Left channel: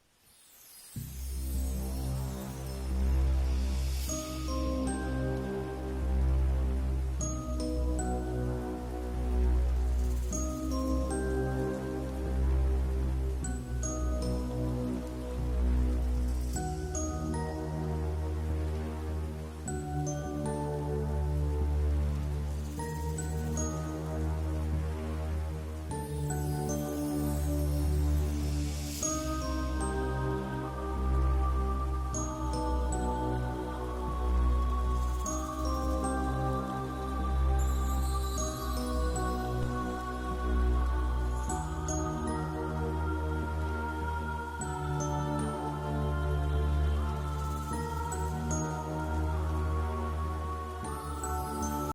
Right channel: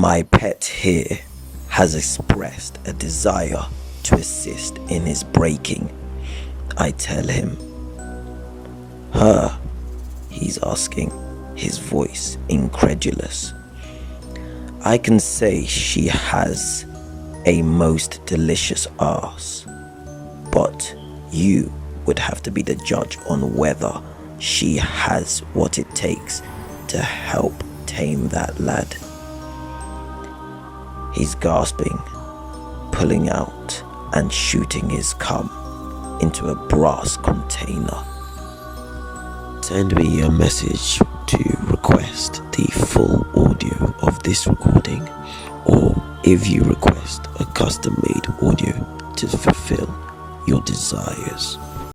My pet here has expressed a desire to assist in his breaking. I tell him. Her, he's asking, his voice incredulous. I can say she has a most delicious ass, but you would have to be the judge on whether she has what it takes to help tame that lad. He's gasping, pulling out and shooting his cum into a brass container. Send me a message to request the full audio of this recording, or if you request a custom-made audio to fulfill your desires.